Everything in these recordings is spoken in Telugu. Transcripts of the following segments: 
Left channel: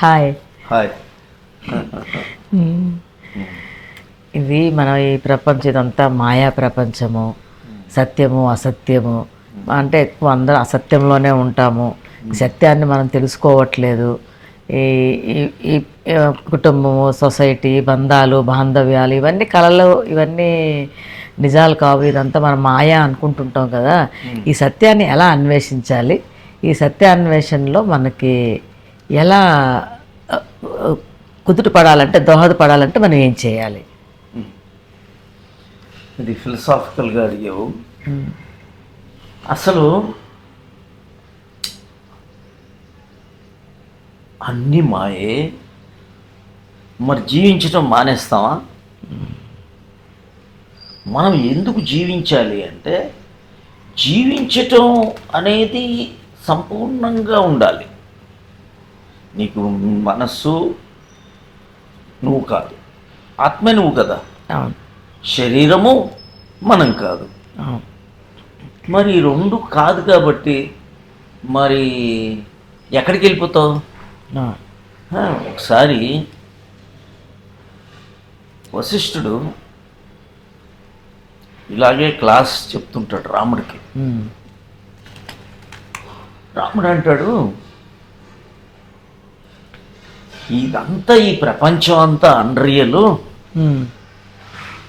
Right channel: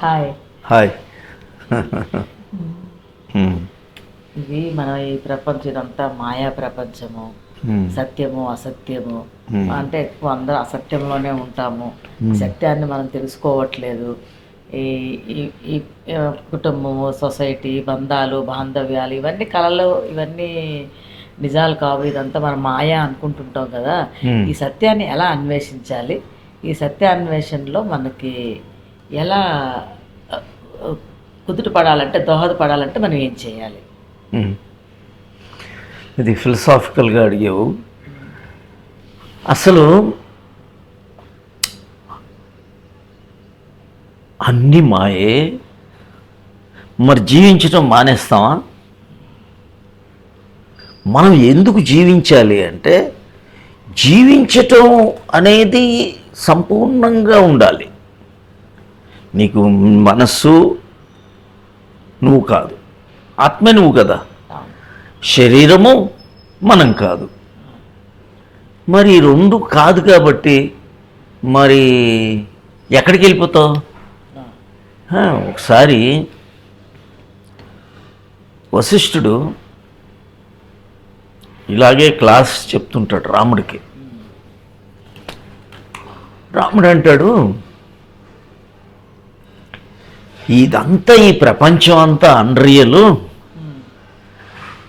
హాయ్. హాయ్. ఇది మనం ఈ ప్రపంచం ఇదంతా మాయా ప్రపంచము, సత్యము అసత్యము. అంటే ఎక్కువ అందరం అసత్యంలోనే ఉంటాము. సత్యాన్ని మనం తెలుసుకోవట్లేదు. ఈ ఈ- ఈ కుటుంబము, సొసైటీ, బంధాలు, బాంధవ్యాలు ఇవన్నీ కళలు, ఇవన్నీ నిజాలు కావు. ఇదంతా మనం మాయా అనుకుంటుంటాం కదా. ఈ సత్యాన్ని ఎలా అన్వేషించాలి? ఈ సత్యాన్వేషణలో మనకి ఎలా ఆ, కుదుటపడాలంటే, దోహదపడాలంటే మనం ఏం చేయాలి? ఇది ఫిలసాఫికల్గా అడిగావు. అసలు అన్ని మాయే, మరి జీవించటం మానేస్తామా? మనం ఎందుకు జీవించాలి అంటే, జీవించటం అనేది సంపూర్ణంగా ఉండాలి. నీకు మనస్సు నువ్వు కాదు, ఆత్మే నువ్వు కదా, అవును, శరీరము మనం కాదు. అవును. మరి ఈ రెండు కాదు కాబట్టి మరి ఎక్కడికి వెళ్ళిపోతావు? ఒకసారి వశిష్ఠుడు ఇలాగే క్లాస్ చెప్తుంటాడు రాముడికి. రాముడు అంటాడు, ఇదంతా ఈ ప్రపంచం అంతా అన్రియల్.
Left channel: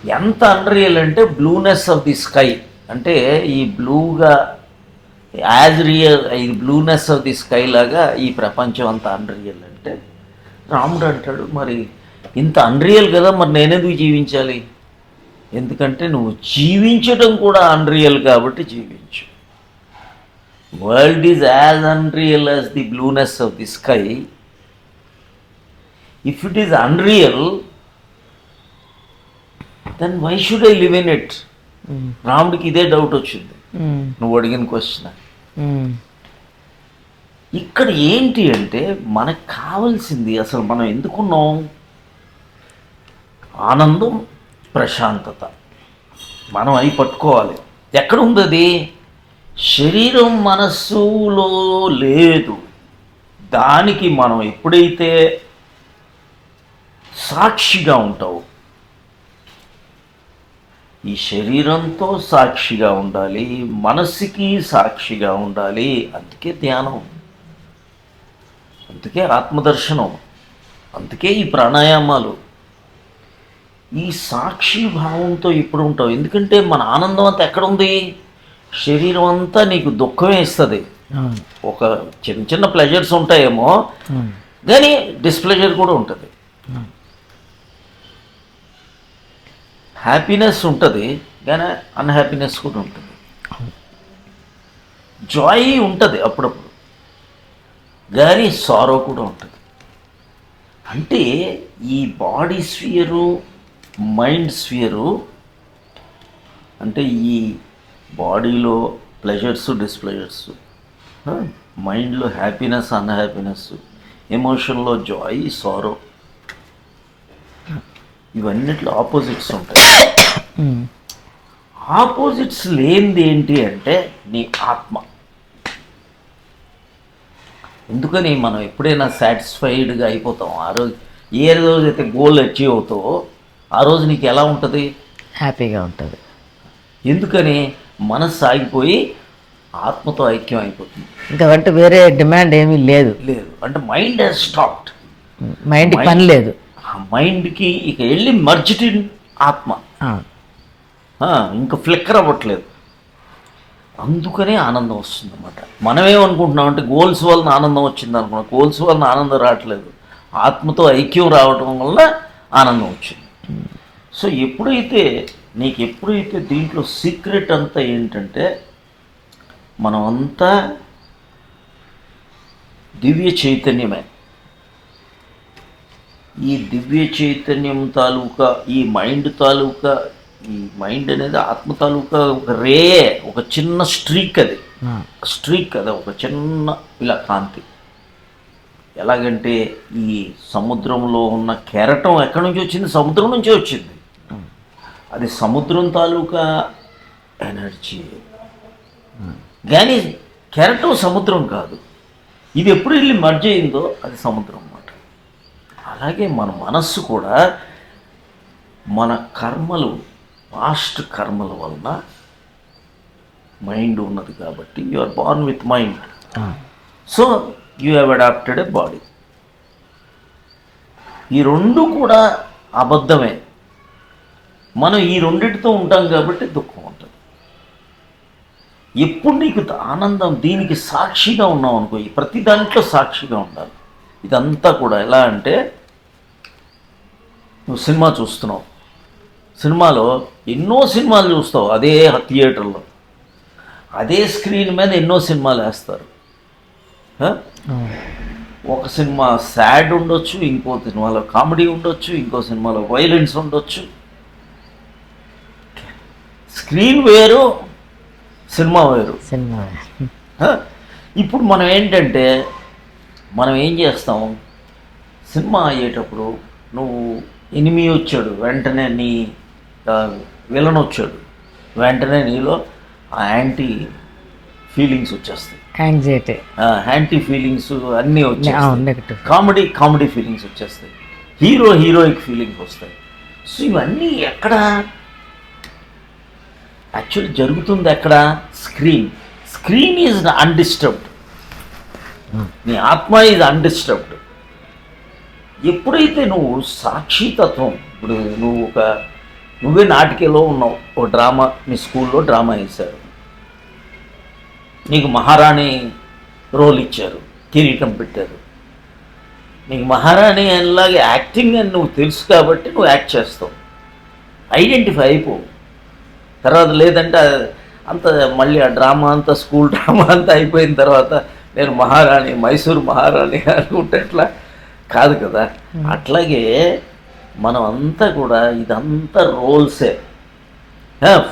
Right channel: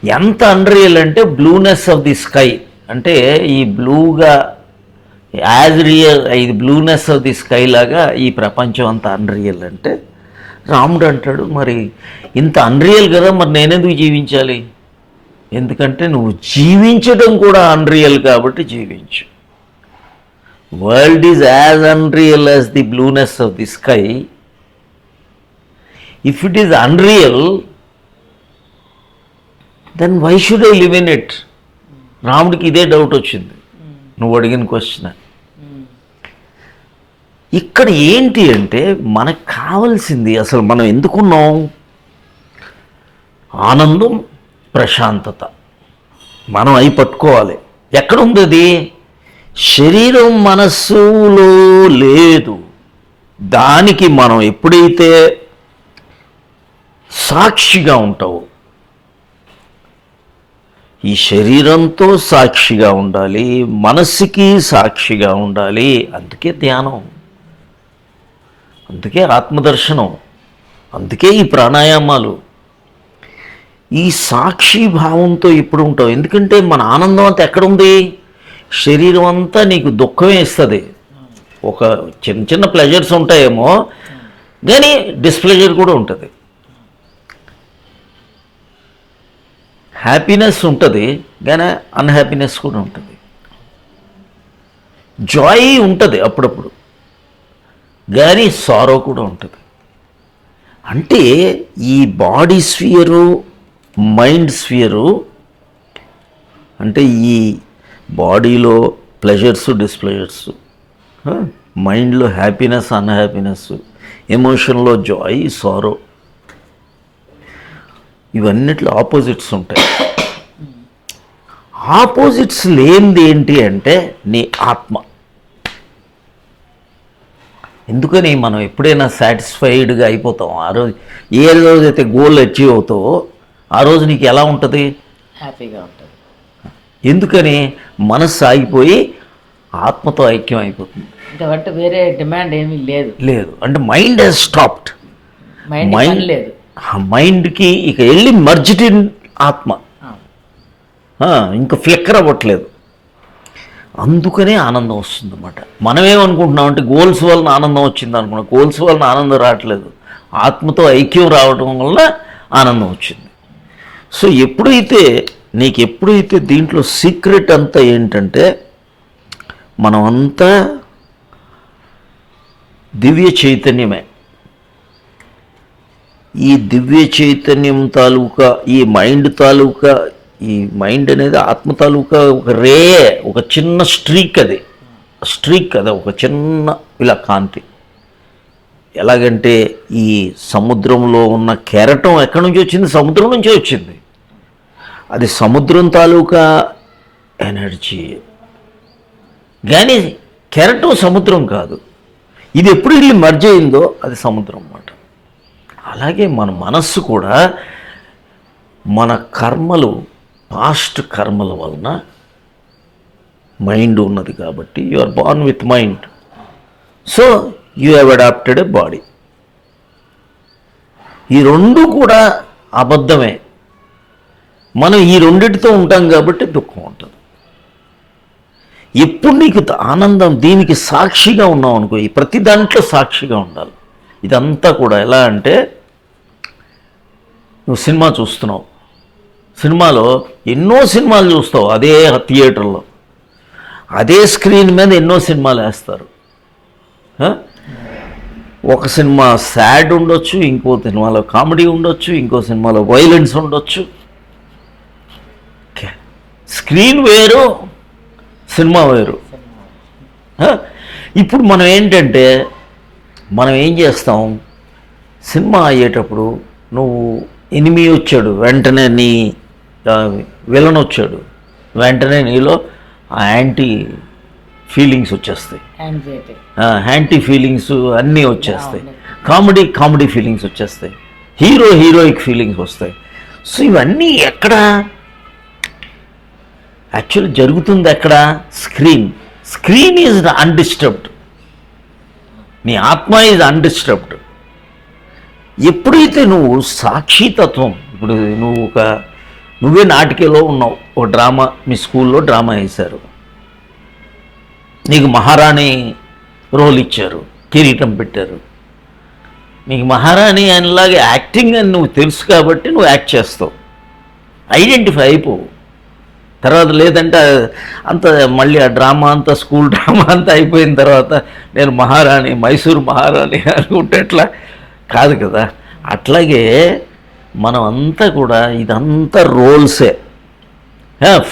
ఎంత అన్రియల్ అంటే బ్లూనెస్ ఆఫ్ ది స్కై, అంటే ఈ బ్లూగా యాజ్ రియల్, ఇది బ్లూనెస్ ఆఫ్ ది స్కై లాగా ఈ ప్రపంచం అంతా అన్రియల్ అంటే, రాముడు అంటాడు, మరి ఇంత అన్రియల్ కదా, మరి నేనెందుకు జీవించాలి? ఎందుకంటే నువ్వు జీవించడం కూడా అన్రియల్ కాబట్టి జీవించు. World is as unreal as the blueness of the sky. If it is unreal, then why should I live in it? రాముడికి ఇదే డౌట్ వచ్చింది నువ్వు అడిగిన క్వశ్చన్. ఇక్కడ ఏంటి అంటే, మనకు కావాల్సింది అసలు మనం ఎందుకున్నాం? ఆనందం, ప్రశాంతత. మనం అవి పట్టుకోవాలి. ఎక్కడుంది అది? శరీరం మనస్సులో లేదు. దానికి మనం ఎప్పుడైతే సాక్షిగా ఉంటావో, ఈ శరీరంతో సాక్షిగా ఉండాలి, మనస్సుకి సాక్షిగా ఉండాలి. అందుకే ధ్యానం, అందుకే ఆత్మదర్శనం, అందుకే ఈ ప్రాణాయామాలు. ఈ సాక్షి భావంతో ఇప్పుడు ఉంటావు. ఎందుకంటే మన ఆనందం అంతా ఎక్కడుంది? శరీరం అంతా నీకు దుఃఖమే ఇస్తుంది. ఒక చిన్న చిన్న ప్లెజర్స్ ఉంటాయేమో, కానీ డిస్ప్లెజర్ కూడా ఉంటుంది. హ్యాపీనెస్ ఉంటుంది, కానీ అన్హ్యాపీనెస్ కూడా ఉంటుంది. జాయ్ ఉంటుంది అప్పుడప్పుడు, కానీ సారో కూడా ఉంటుంది. అంటే ఈ బాడీ స్ఫియరు, మైండ్ స్ఫియరు, అంటే ఈ బాడీలో ప్లెజర్స్, డిస్ప్లెజర్స్, మైండ్లో హ్యాపీనెస్, అన్హ్యాపీనెస్, ఎమోషన్లో జాయ్, సారో, ఇవన్నిట్లో ఆపోజిట్స్ ఉంటాయి. ఆపోజిట్స్ లేనిది ఏంటి అంటే నీ ఆత్మ. ఎందుకని మనం ఎప్పుడైనా సాటిస్ఫైడ్గా అయిపోతాం ఆ రోజు. ఏ రోజైతే గోల్ అచీవ్ అవుతావో ఆ రోజు నీకు ఎలా ఉంటుంది? హ్యాపీగా ఉంటుంది. ఎందుకని? మనస్సు ఆగిపోయి ఆత్మతో ఐక్యం అయిపోతుంది. ఇంకా అంటే వేరే డిమాండ్ ఏమీ లేదు. లేదు అంటే మైండ్ హెస్ స్టాప్డ్. మైండ్ పని లేదు. మైండ్కి ఇక వెళ్ళి మర్జ్డ్ ఇన్ ఆత్మ, ఇంకా ఫ్లిక్కర్ అవ్వట్లేదు. అందుకనే ఆనందం వస్తుంది అన్నమాట. మనమేమనుకుంటున్నాం అంటే గోల్స్ వలన ఆనందం వచ్చింది అనుకున్నాం. గోల్స్ వలన ఆనందం రావట్లేదు, ఆత్మతో ఐక్యం రావడం వల్ల ఆనందం వచ్చింది. సో ఎప్పుడైతే దీంట్లో సీక్రెట్ అంతా ఏంటంటే, మనమంతా దివ్య చైతన్యమే. ఈ దివ్య చైతన్యం తాలూకా, ఈ మైండ్ తాలూకా, ఈ మైండ్ అనేది ఆత్మ తాలూకా ఒక రే, ఒక చిన్న స్ట్రీక్. అది ఒక చిన్న ఇలా కాంతి. ఎలాగంటే ఈ సముద్రంలో ఉన్న కెరటం ఎక్కడి నుంచి వచ్చింది? సముద్రం నుంచే వచ్చింది. అది సముద్రం తాలూకా ఎనర్జీ, కానీ కెరటం సముద్రం కాదు. ఇది ఎప్పుడు వెళ్ళి మర్జ్ అయిందో అది సముద్రం అన్నమాట. అలాగే మన మనస్సు కూడా మన కర్మలు, పాస్ట్ కర్మల వలన మైండ్ ఉన్నది కాబట్టి you are born with mind. So you have adopted a body. ఈ రెండు కూడా అబద్ధమే. మనం ఈ రెండిటితో ఉంటాం కాబట్టి దుఃఖం ఉంటుంది. ఎప్పుడు నీకు ఆనందం, దీనికి సాక్షిగా ఉన్నాం అనుకో, ఈ ప్రతి దాంట్లో సాక్షిగా ఉండాలి. ఇదంతా కూడా ఎలా అంటే, నువ్వు సినిమా చూస్తున్నావు, సినిమాలో ఎన్నో సినిమాలు చూస్తావు, అదే థియేటర్లో అదే స్క్రీన్ మీద ఎన్నో సినిమాలు వేస్తారు. ఒక సినిమా సాడ్ ఉండొచ్చు, ఇంకో సినిమాలో కామెడీ ఉండొచ్చు, ఇంకో సినిమాలో వైలెన్స్ ఉండొచ్చు. స్క్రీన్ వేరు, సినిమా వేరు. ఇప్పుడు మనం ఏంటంటే, మనం ఏం చేస్తాం, సినిమా అయ్యేటప్పుడు నువ్వు ఎనిమి వచ్చాడు, వెంటనే నీ విలన్ వచ్చాడు, వెంటనే నీలో ఆ యాంటీ ఫీలింగ్స్ వచ్చేస్తాయి, యాంటీ ఫీలింగ్స్ అన్నీ వచ్చేస్తాయి. కామెడీ ఫీలింగ్స్ వచ్చేస్తాయి, హీరోయిక్ ఫీలింగ్స్ వస్తాయి. సో ఇవన్నీ ఎక్కడ యాక్చువల్లీ జరుగుతుంది? ఎక్కడ? Screen is undisturbed. నీ ఆత్మ ఈజ్ అన్డిస్టర్బ్డ్. ఎప్పుడైతే నువ్వు సాక్షితత్వం, ఇప్పుడు నువ్వే నాటికలో ఉన్నావు, ఓ డ్రామా, మీ స్కూల్లో డ్రామా వేశారు, నీకు మహారాణి రోల్ ఇచ్చారు, కిరీటం పెట్టారు, నీకు మహారాణి అనేలాగే యాక్టింగ్ అని నువ్వు తెలుసు కాబట్టి నువ్వు యాక్ట్ చేస్తావు, ఐడెంటిఫై అయిపోవు. తర్వాత లేదంటే అంత మళ్ళీ ఆ డ్రామా అంతా, స్కూల్ డ్రామా అంతా అయిపోయిన తర్వాత నేను మహారాణి, మైసూరు మహారాణి అనుకుంటేట్లా కాదు కదా. అట్లాగే మనం అంతా కూడా ఇదంతా రోల్సే.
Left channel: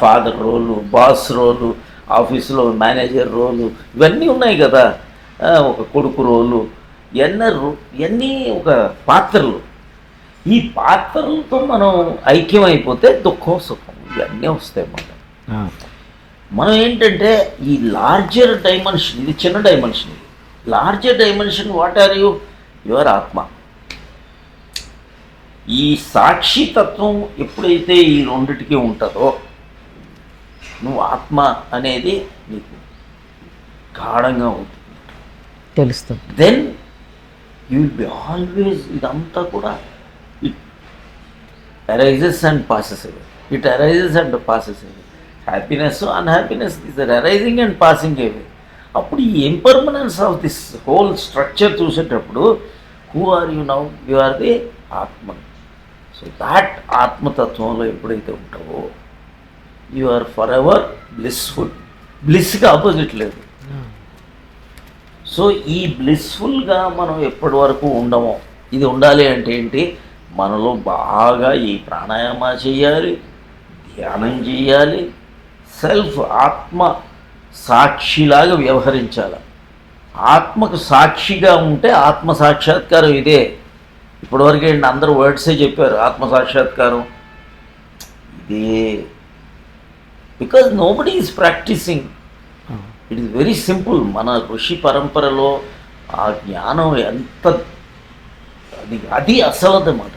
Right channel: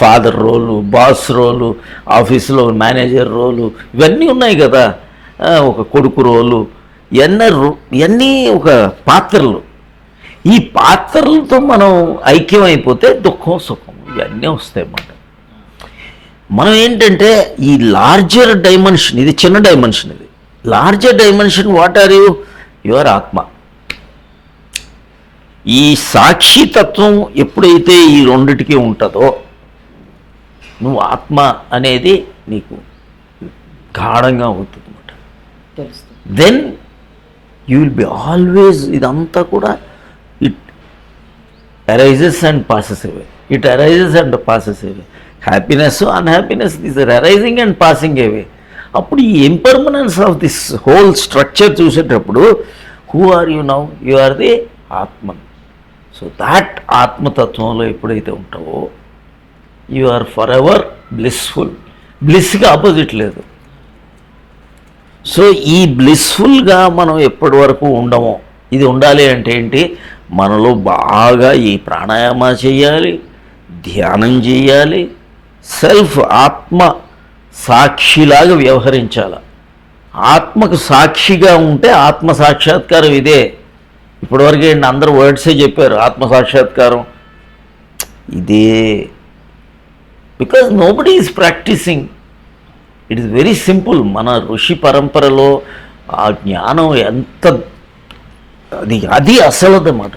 ఫాదర్ రోలు, బాస్ రోలు, ఆఫీసులో మేనేజర్ రోలు, ఇవన్నీ ఉన్నాయి కదా. ఒక కొడుకు రోలు, ఇవన్నీ ఒక పాత్రలు. ఈ పాత్రలతో మనం ఐక్యమైపోతే దుఃఖం, సుఖం ఇవన్నీ వస్తాయి అన్నమాట. మనం ఏంటంటే ఈ లార్జర్ డైమెన్షన్, ఇది చిన్న డైమెన్షన్, ఇది larger dimension. What are you? Your ఆత్మ. ఈ సాక్షితత్వం ఎప్పుడైతే ఈ రెండిటికి ఉంటుందో, నువ్వు ఆత్మ అనేది నీకు గాఢంగా అవుతుంది, తెలుస్తుంది. Then you will be always, ఇదంతా కూడా it arises and passes away, it arises and passes away. Happiness, unhappiness, these are arising and passing away. అప్పుడు ఈ impermanence of this whole structure చూసేటప్పుడు, who are you now? You are the atma. So that ఆత్మతత్వంలో ఎప్పుడైతే ఉంటావో, you are forever blissful. బ్లిస్కి ఆపోజిట్ లేదు. సో ఈ బ్లిస్ఫుల్గా మనం ఎప్పటి వరకు ఉండమో, ఇది ఉండాలి అంటే ఏంటి? మనలో బాగా ఈ ప్రాణాయామ చేయాలి, ధ్యానం చేయాలి, సెల్ఫ్ ఆత్మ సాక్షిలాగా వ్యవహరించాలి. ఆత్మకు సాక్షిగా ఉంటే ఆత్మ సాక్షాత్కారం ఇదే. ఇప్పటివరకు ఏంటి, అందరూ వర్డ్సే చెప్పారు, ఆత్మ సాక్షాత్కారం ఇదే. Because nobody is practising. It is very simple. మన ఋషి పరంపరలో ఆ జ్ఞానం ఎంత, అది అసలదన్నమాట.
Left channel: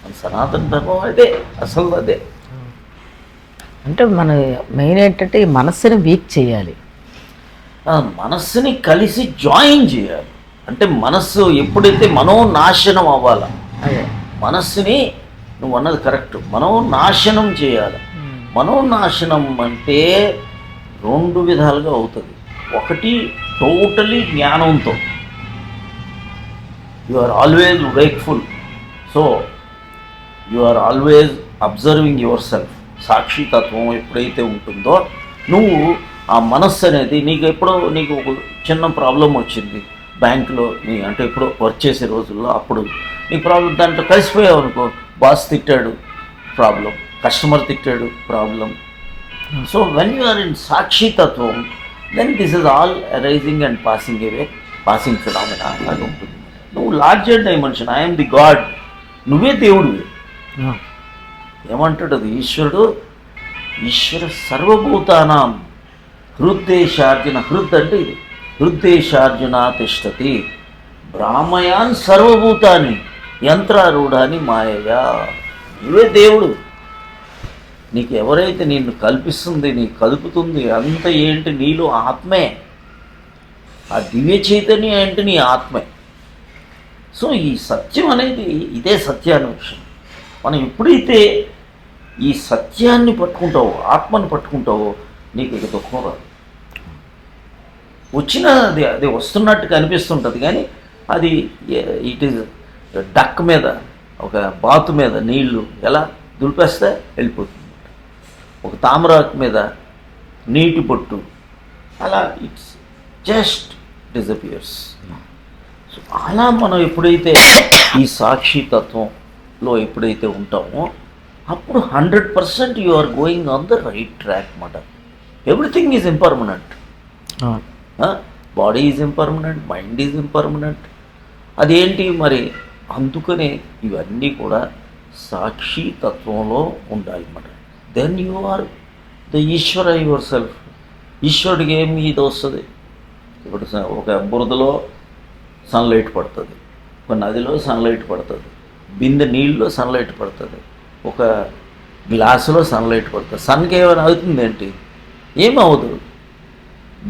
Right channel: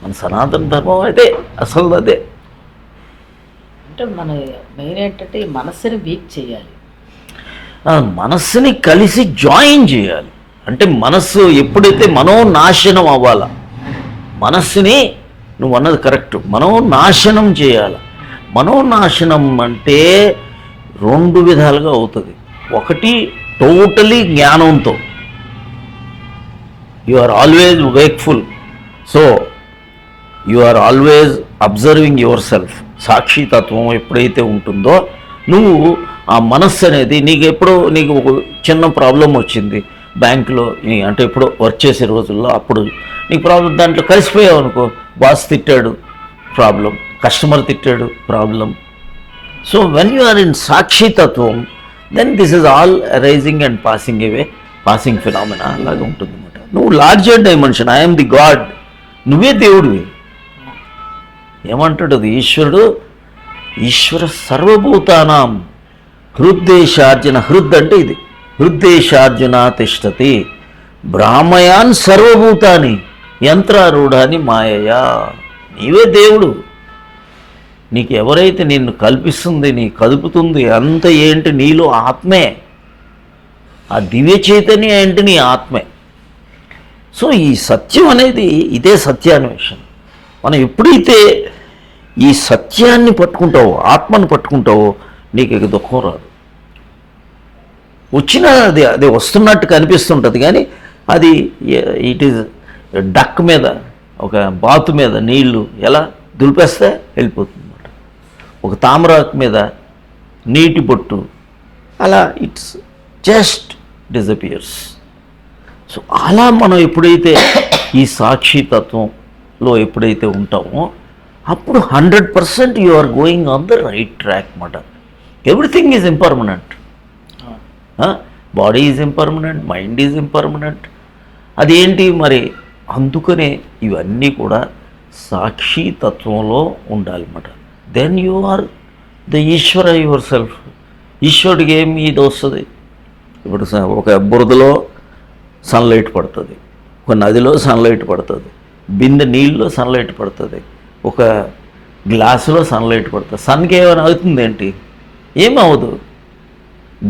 మన సనాతన ధర్మం అదే, అసలు అదే. అంటే మన మెయిన్ ఏంటంటే ఈ మనస్సుని వీక్ చేయాలి, మనస్సుని కలిసి జాయిన్ చేయాలి. అంటే మనస్సు ఎప్పుడైతే మనోనాశనం అవ్వాలా, మనస్సుని, నువ్వు అన్నది కరెక్ట్, మనోనాశనం చేయాలి. మనోనాశనం అంటే రెండు విధాలుగా అవుతుంది. ఒకటి టోటలీ జ్ఞానంతో, you are always wakeful, so you are always observing yourself. సాక్షితత్వం ఎప్పుడైతే ఉంటుందో, నువ్వు ఆ మనస్సు అనేది, నీకు ఒక చిన్న ప్రాబ్లం వచ్చింది బ్యాంకులో, అంటే ఎప్పుడో వర్క్ చేసే రోజుల్లో, అప్పుడు నీకు ప్రాబ్లం, దాంట్లో కలిసిపోయావు అనుకో, బాస్ తిట్టాడు ప్రాబ్లం, కస్టమర్ తిట్టాడు problem. So when you are in సాక్షితత్వం, then this is all arising and passing away, passing phenomena అలాగే ఉంటుంది. నువ్వు larger dimension, I'm the God, నువ్వే దేవుడివి. ఏమంటాడు అది ఈశ్వరుడు? ఈశ్వర సర్వభూతానాం హృద్దేశార్జున. హృద్ అంటే ఇది, హృద్దేశార్జున తిష్టతి బ్రాహ్మయాన్ సర్వభూతాని. యంత్రారూఢాన్ని మాయయా. నీవే దేవుడు. నీకు ఎవరైతే నిన్ను కల్పిస్తుంది, నీ కదుపుతుంది అంత ఏంటి? నీలో ఆత్మే. ఆ దివ్య చైతన్యం ఏంటి? నీ ఆత్మే. సో ఈ సత్యం అనేది ఇదే సత్యాన్వేషణ. మనం ఎప్పుడైతే ఈ సత్యాన్ని పట్టుకుంటావో, ఆత్మను పట్టుకుంటావో, నీకు ఇక దుఃఖం రాదు. వచ్చినా అది వస్తున్నట్టు కనిపిస్తుంటుంది, కానీ అది ఇట్ ఈజ్ డక్ మీద, ఒక బాతు మీద నీళ్లు ఎలా దులిపేస్తే వెళ్ళిపోతుంది. ఒక తామరాకు మీద నీటి బొట్టు అలా ఇట్స్ జస్ట్ డిజపియర్స్. సో అలా మనం ఎప్పుడైతే ఈ సాక్షితత్వంలో ఎప్పుడైతే ఉంటామో అప్పుడు 100% you are going on the right track మాట. Everything is impermanent. Body is impermanent, mind is impermanent. అదేంటి మరి? అందుకనే ఇవన్నీ కూడా సాక్షితత్వంలో ఉండాలన్నమాట. Then you are the Ishwara yourself. ఈశ్వరుడికి ఏమి ఇది వస్తుంది? ఇప్పుడు ఒక బురదలో సన్లైట్ పడుతుంది, ఒక నదిలో సన్లైట్ పడుతుంది, బిందె నీళ్ళలో సన్లైట్ పడుతుంది, ఒక గ్లాసులో సన్లైట్ పడుతుంది. సన్కి ఏమైనా అవుతుంది ఏంటి? ఏమవుదు.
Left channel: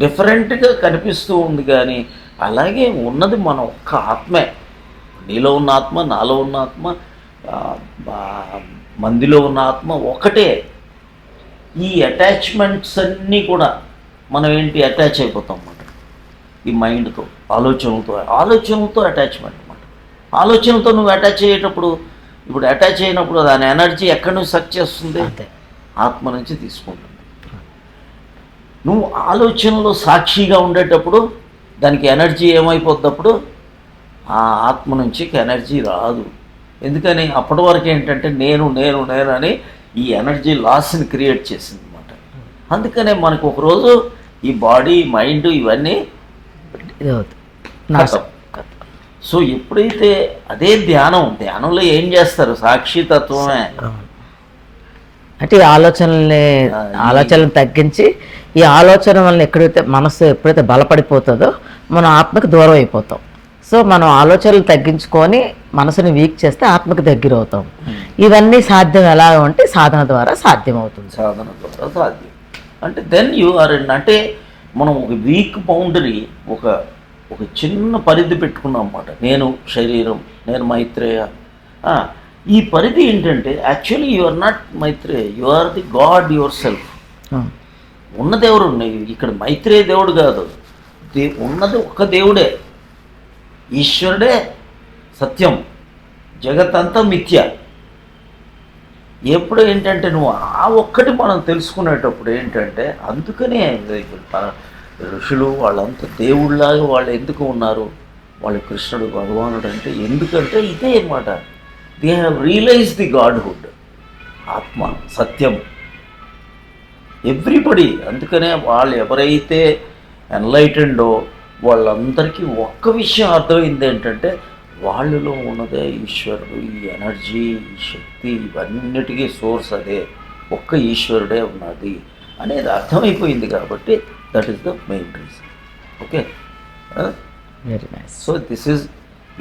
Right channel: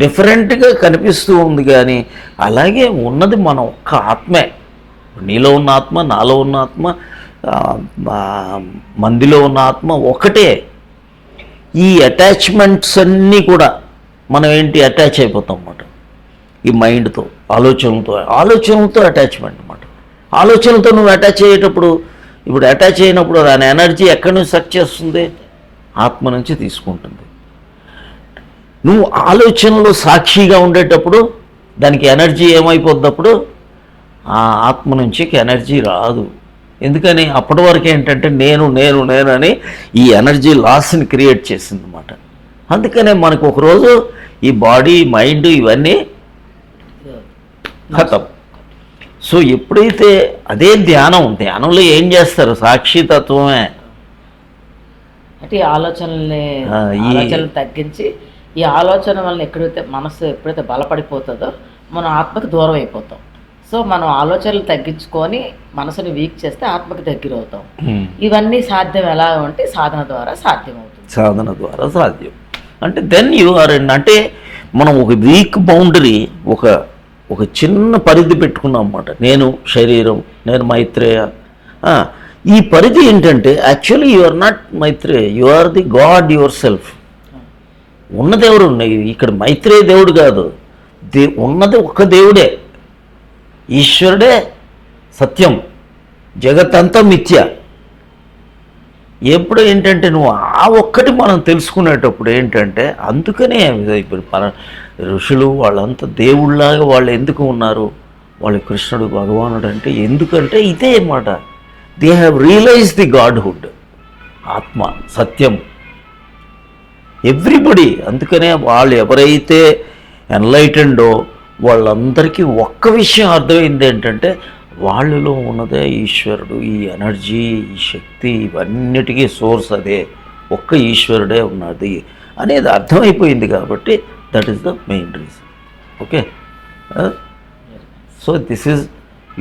డిఫరెంట్గా కనిపిస్తూ ఉంది, కానీ అలాగే ఉన్నది మన ఒక్క ఆత్మే. నీలో ఉన్న ఆత్మ, నాలో ఉన్న ఆత్మ, మందిలో ఉన్న ఆత్మ ఒకటే. ఈ అటాచ్మెంట్స్ అన్నీ కూడా మనం ఏంటి? అటాచ్ అయిపోతాం అన్నమాట. ఈ మైండ్తో, ఆలోచనలతో అటాచ్మెంట్ అన్నమాట. ఆలోచనలతో నువ్వు అటాచ్ అయ్యేటప్పుడు, ఇప్పుడు అటాచ్ అయినప్పుడు దాని ఎనర్జీ ఎక్కడి నుంచి సక్ చేస్తుంది? ఆత్మ నుంచి తీసుకుంటుంది. నువ్వు ఆలోచనలు సాక్షిగా ఉండేటప్పుడు దానికి ఎనర్జీ ఏమైపోద్దప్పుడు? ఆ ఆత్మ నుంచి ఎనర్జీ రాదు. ఎందుకని? అప్పటి వరకు ఏంటంటే నేను నేను నేను అని ఈ ఎనర్జీ లాస్ని క్రియేట్ చేసింది అన్నమాట. అందుకనే మనకు ఒకరోజు ఈ బాడీ, మైండ్ ఇవన్నీ ఖతం. సో ఎప్పుడైతే అదే ధ్యానంలో ఏం చేస్తారు? సాక్షితత్వమే. అంటే ఈ ఆలోచనలను తగ్గించి, ఈ ఆలోచన వల్ల మనసు ఎప్పుడైతే బలపడిపోతుందో మనం ఆత్మకి దూరం అయిపోతాం. సో మనం ఆలోచనలు తగ్గించుకొని మనసుని వీక్ చేస్తే ఆత్మకి దగ్గర అవుతాం. ఇవన్నీ సాధ్యం ఎలా అంటే సాధన ద్వారా సాధ్యం అవుతుంది. సాధన ద్వారా సాధ్యం అంటే దెన్ యు ఆర్. అంటే మనం ఒక వీక్ బౌండరీ, ఒక చిన్న పరిధి పెట్టుకున్నాం అన్నమాట. నేను శరీరం, నేను మైత్రేయ. ఈ పరిధి ఏంటంటే actually you are not Maitreya, you are the God yourself. ఉన్నది ఎవరు? ఇక్కడ మైత్రేయ దేవుడు కాదు, ఉన్నది ఒక్క దేవుడే, ఈశ్వరుడే సత్యం, జగత్తంతా మిథ్య. ఎప్పుడు ఏంటంటే నువ్వు ఆ ఒక్కటి మనం తెలుసుకునేటప్పుడు ఏంటంటే, అందుకనే ఇప్పుడు మన ఋషులు వాళ్ళంతా దేవుళ్ళలాగా వాళ్ళు ఎందుకు ఉన్నారు? వాళ్ళు కృష్ణుడు, భగవానుడు అంటే ఎందుకంటే ఇదే అన్నమాట. They have realise the godhood, ఆత్మ, సత్యం, ఎవ్రీబడి. అందుకనే వాళ్ళు ఎవరైతే ఎన్లైటెండో వాళ్ళందరికీ ఒక్క విషయం అర్థమైంది ఏంటంటే, వాళ్ళలో ఉన్నదే ఈశ్వరుడు, ఈ ఎనర్జీ, ఈ శక్తి, ఇవన్నిటికీ సోర్స్ అదే, ఒక్క ఈశ్వరుడే ఉన్నది అనేది అర్థమైపోయింది. కాబట్టి that is the main reason. Okay, so this is,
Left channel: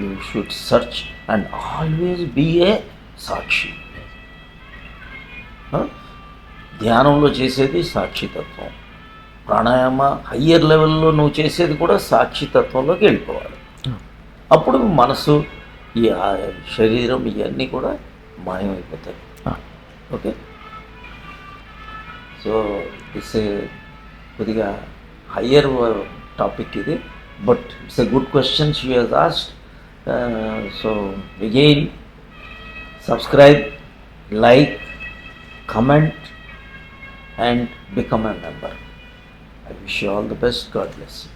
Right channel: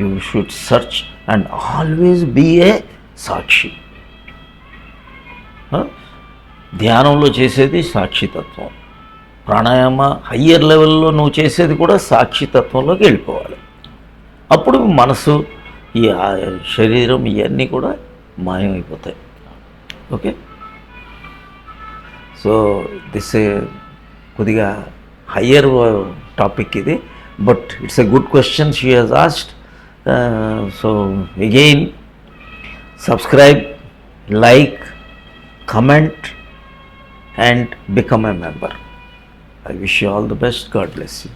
you should search and always be a sakshi. ధ్యానంలో చేసేది సాక్షితత్వం, ప్రాణాయామ హయ్యర్ లెవెల్లో నువ్వు చేసేది కూడా సాక్షితత్వంలోకి వెళ్ళిపోవాలి. అప్పుడు మనసు, ఈ శరీరం ఇవన్నీ కూడా మాయమైపోతాయి. ఓకే, సో దిస్ కొద్దిగా హయ్యర్ టాపిక్ ఇది, but it's a good question she has asked. So again subscribe, like, comment and become a member. I wish you all the best. God bless you.